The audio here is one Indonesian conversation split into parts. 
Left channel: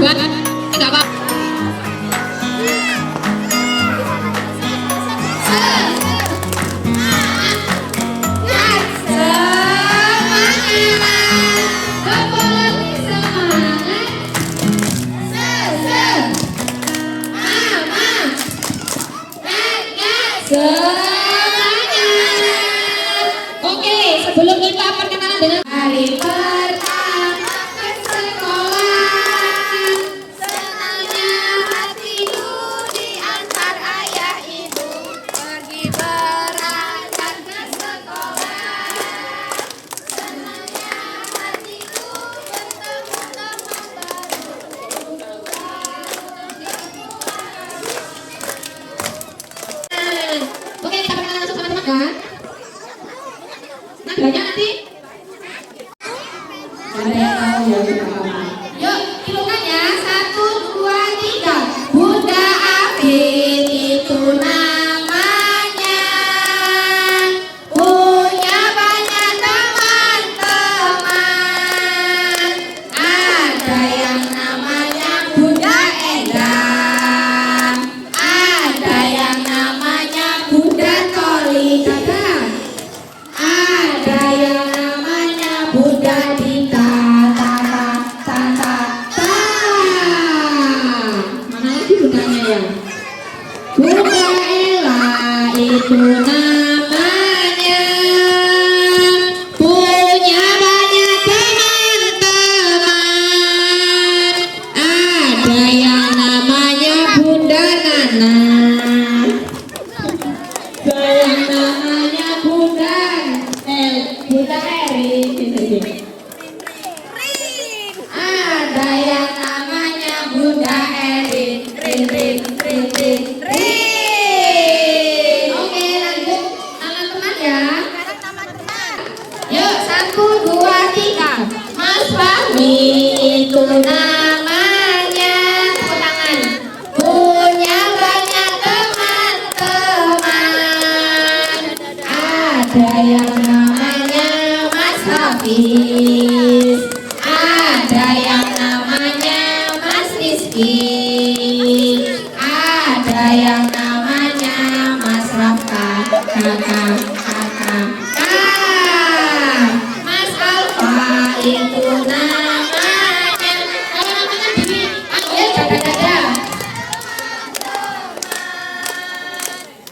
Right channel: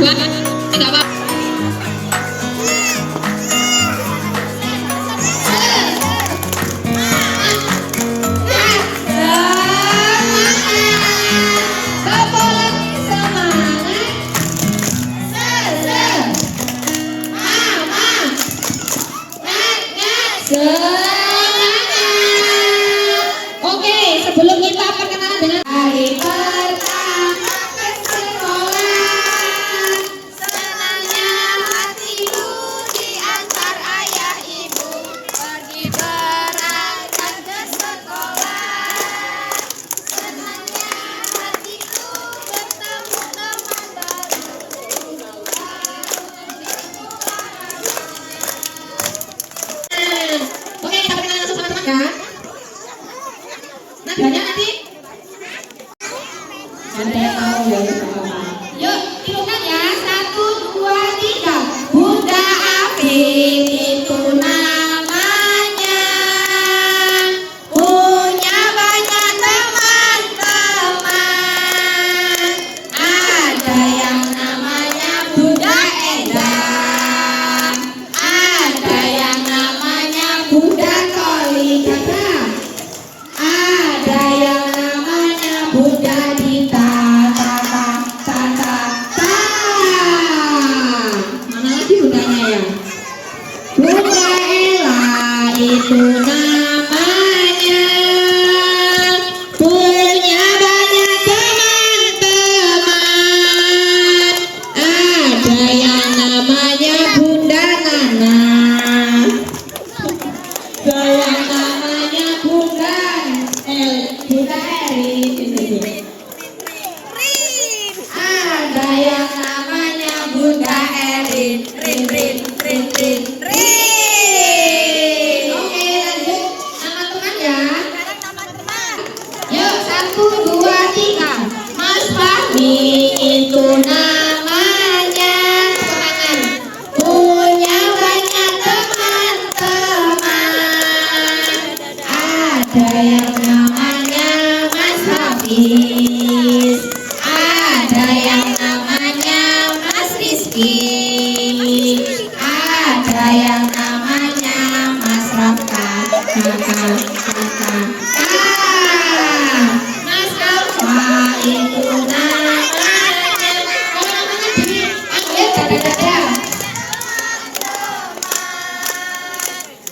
buat enggak apa. Oke, sebelum kita perkenalan dengan hari pertama ke sekolah, senangnya hatiku diantar ayah ibu pergi berangkat ke sekolah. Senangnya hatiku bertemu teman baru. Oke, kita perkenalan langsung sama teman ya. Nadanya nanti ada yang tahu ya, tidak apa-apa. Yuk, tirukan ya. 1, 2, 3. Bunda Afin itu namanya, punya banyak teman-teman. Ada yang namanya Bunda Enda, ada yang namanya Bunda Toli, ada yang namanya Bunda Dita, mana lagi bundanya ya? Bunda Ella itu namanya, punya banyak teman-teman. Ada yang namanya Bunda Nana, ada yang namanya Bunda Eri, ada yang namanya Bunda Erin, Rin. Oke, lanjut nama teman ya. Yuk, 1, 2, 3. Mas Fahmi itu namanya, ulangan, punya banyak teman-teman. Ada yang namanya Mas Hafiz, ada yang namanya Mas Rizky, ada yang namanya Mas Rafka, Mas Alfa itu namanya, kalau namanya dipanggil dada-dada.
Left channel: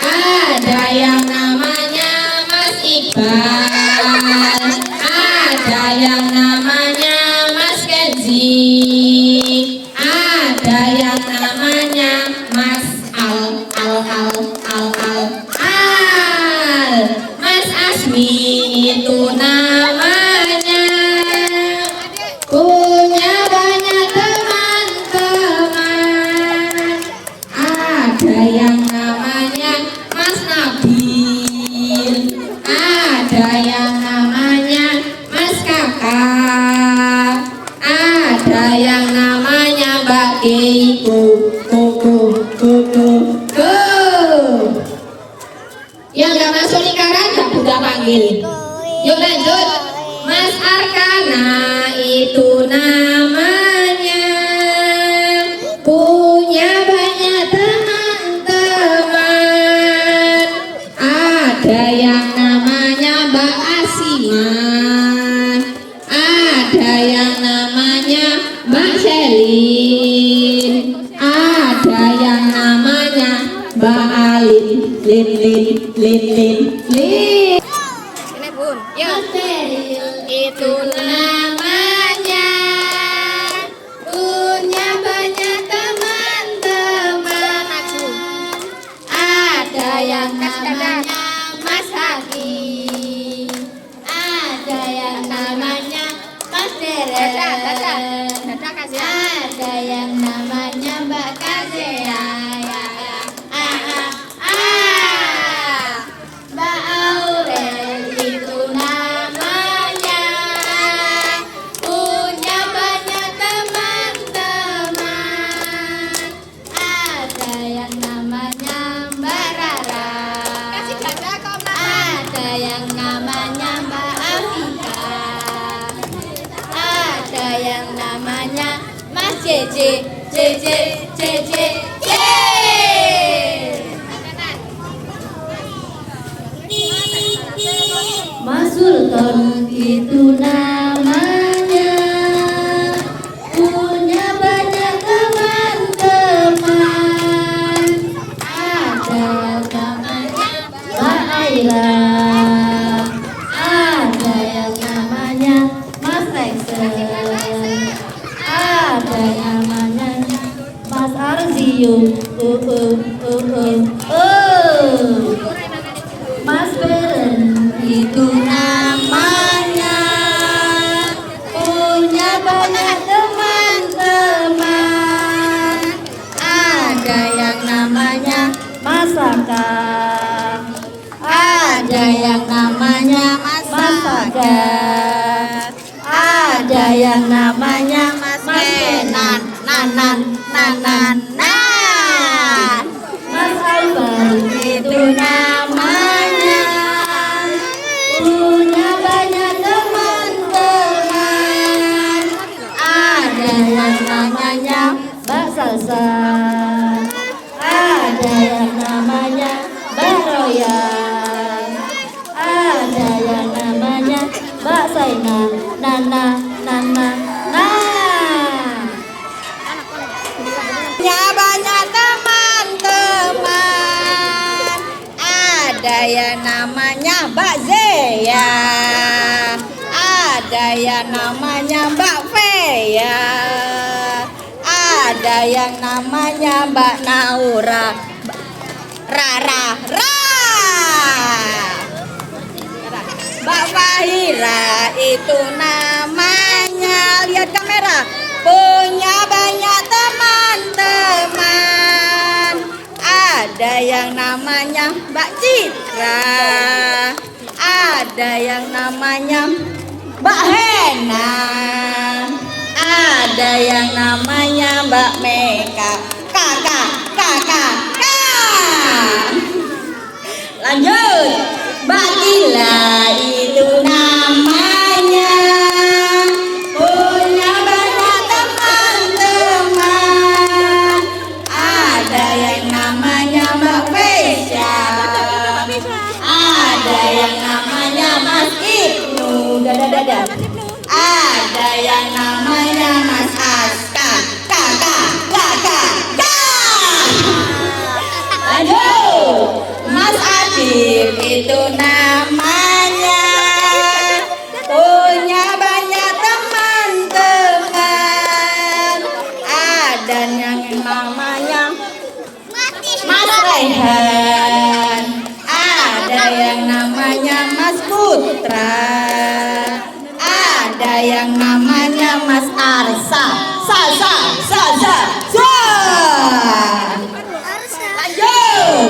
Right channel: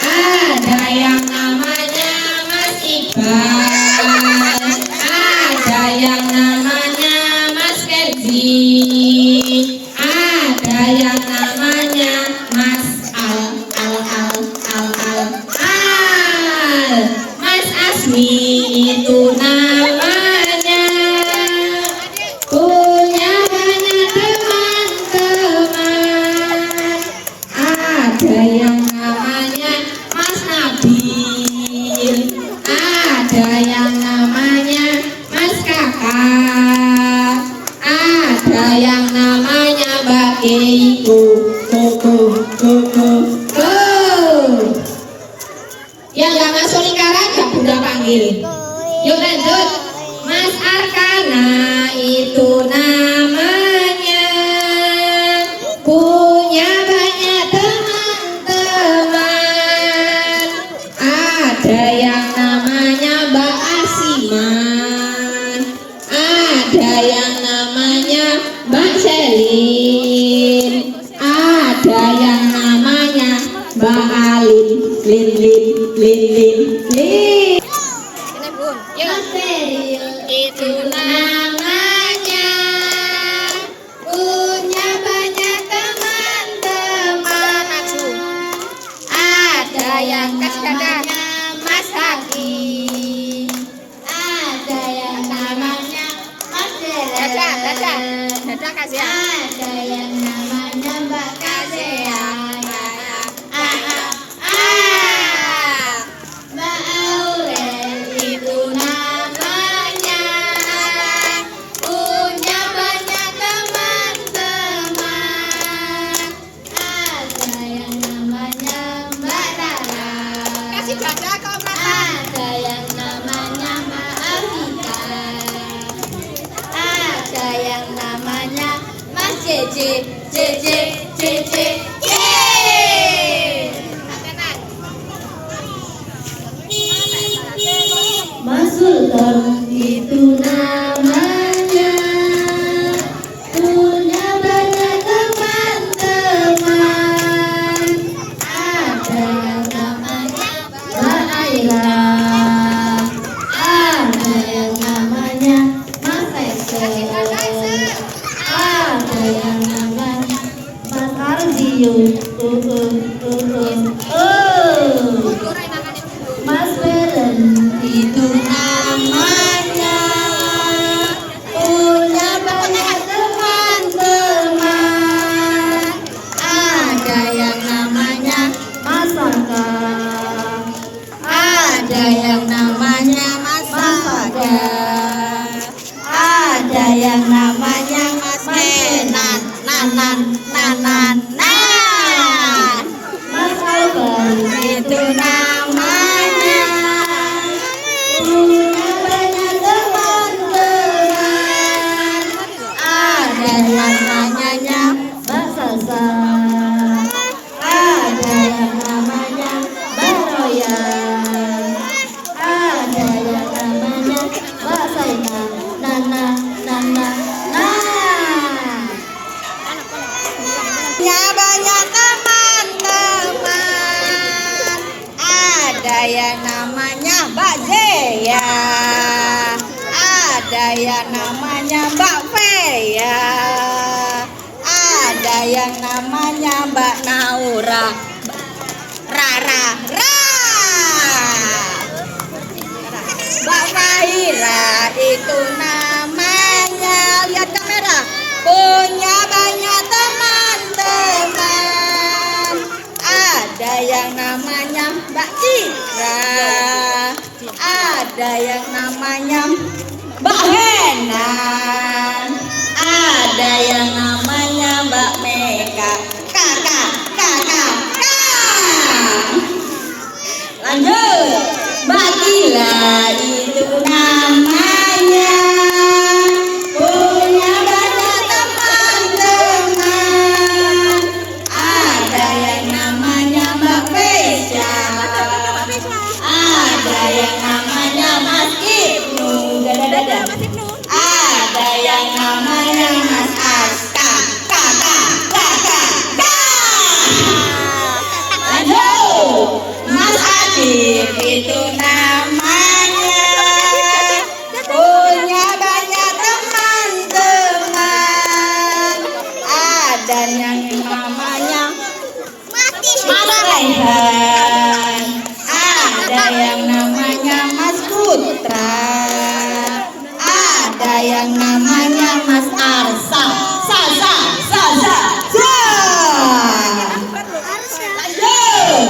Ada yang namanya Mas Iqbal, ada yang namanya Mas Kenzi, ada yang namanya Mas Mas Asmi itu namanya, punya banyak teman-teman. Ada yang namanya Mas Nabil, ada yang namanya Mas Kakak, ada yang namanya Mbak Keiko. Yang gak masuk lingkaran gak Bunda panggil. Yuk lanjut. Mas Arkana itu namanya, punya banyak teman-teman. Ada yang namanya Mbak Asiman, ada yang namanya Mbak Selin, ada yang namanya Mbak Alin, Lin. Ini Bun. Mas Feril itu namanya, punya banyak teman-teman. Ada yang namanya Mas Haki, ada yang namanya Mas Dela, ada yang namanya Mbak Kazea, Mbak Aurel itu namanya, punya banyak teman-teman. Ada yang namanya Mbak Rara, ada yang namanya Mbak Afika, ada yang namanya Mas Mas JJ, JJ, JJ, yeay! Mas Sultan itu namanya, punya banyak teman-teman. Ada yang namanya Mbak Aira, ada yang namanya Mas Lexer, ada yang namanya Mas Arzium, Mas Beren itu namanya, punya banyak teman-teman. Ada yang namanya Mas Saka, ada yang namanya Mas Saka, ada yang namanya Mas Kenan, nanan. Mas Albar itu namanya, punya banyak teman-teman. Ada yang namanya Mbak Salsa, ada yang namanya Mbak Royal, ada yang namanya Mbak Saina, nana. Punya banyak teman-teman. Ada yang namanya Mbak Zeya, ada yang namanya Mbak Feya, ada yang namanya Mbak Naura, Rara, Mbak Fahira itu namanya, lihat kamera, punya banyak teman-teman. Ada yang namanya Mbak Citra, ada yang namanya Mbak Henan, ada yang namanya Mbak Meka, kakak. Lanjut, Mbak Gila itu namanya, punya banyak teman-teman. Ada yang namanya Mbak Pesha, ada yang namanya Mas Ibnu, ada yang namanya Mas Aska, kakak. Lanjut, Mas Adit itu namanya, punya banyak teman-teman. Ada yang namanya Mas Rehan, ada yang namanya Mas Putra, ada yang namanya Mas Arsa, Lanjut,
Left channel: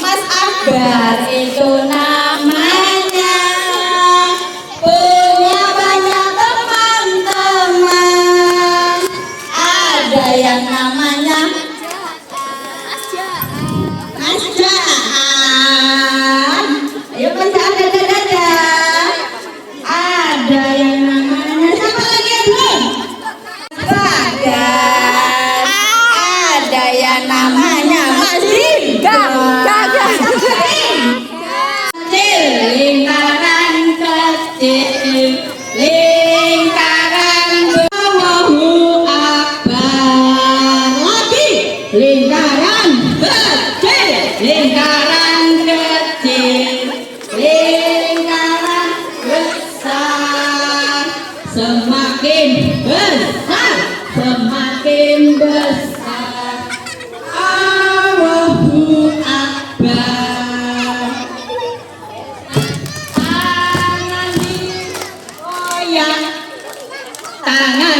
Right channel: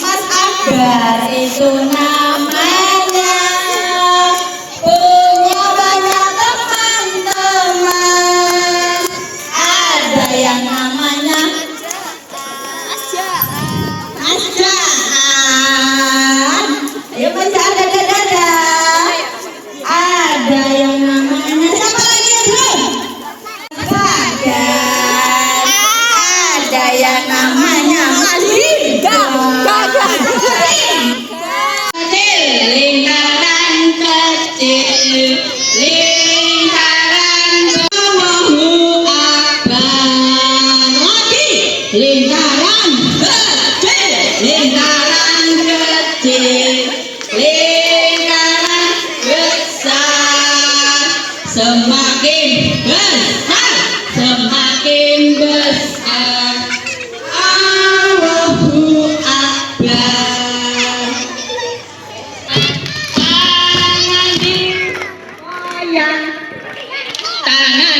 Mas Akbar itu namanya, punya banyak teman-teman. Ada yang namanya Mas Jahan, ayo Mas Jahan, dadah. Ada yang namanya, siapa lagi belum? Ada yang namanya Mas Rida. Lingkaran kecil, lingkaran Allahu Akbar. Lagi, lingkaran kecil, lingkaran besar. Semakin besar, Allahu Akbar. Tangan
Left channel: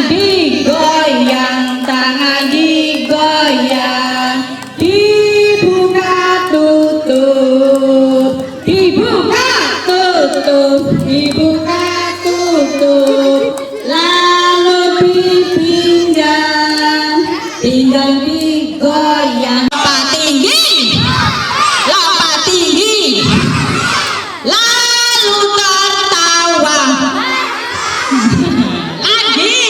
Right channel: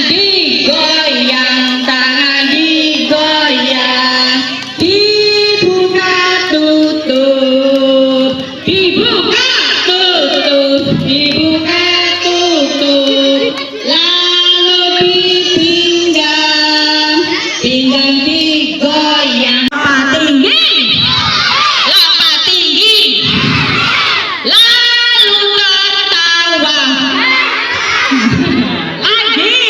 digoyang, dibuka tutup, lalu dipinggang, digoyang. Lompat tinggi, lalu tertawa. Lagi,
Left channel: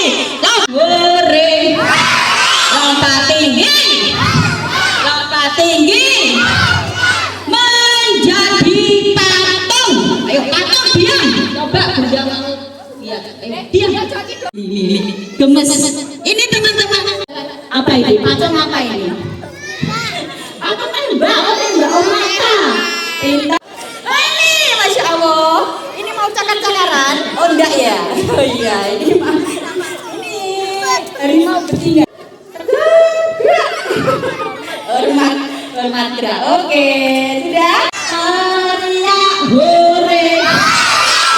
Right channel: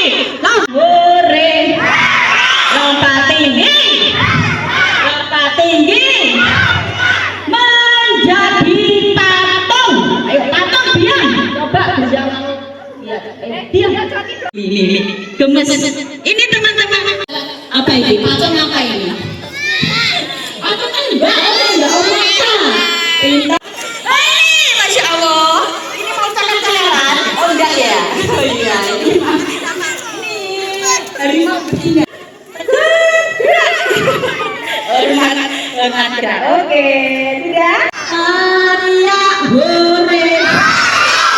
Gemes. Ini teman-teman. Apa ini? Patung apa ini? Apa kan Mbak? Mbak Omata. Pintar. Masya Allah. Ini mau cakar-cakaran? Oh enggak ya? Oh iya. Ini harimau betina. Hormat gerak. Oke, sudah. Teriak hore.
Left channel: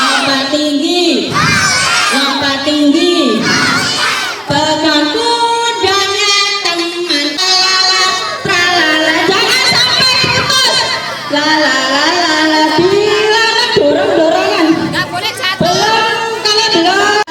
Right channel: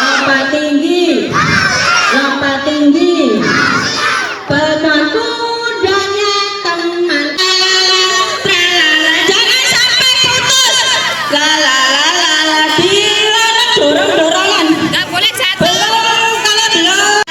Lompat tinggi. Lompat tinggi. Pegang kudanya teman. Tralala, jangan sampai putus. Lalala, dilarang dorong-dorongan. Nggak boleh satu. Belum, kalau belum.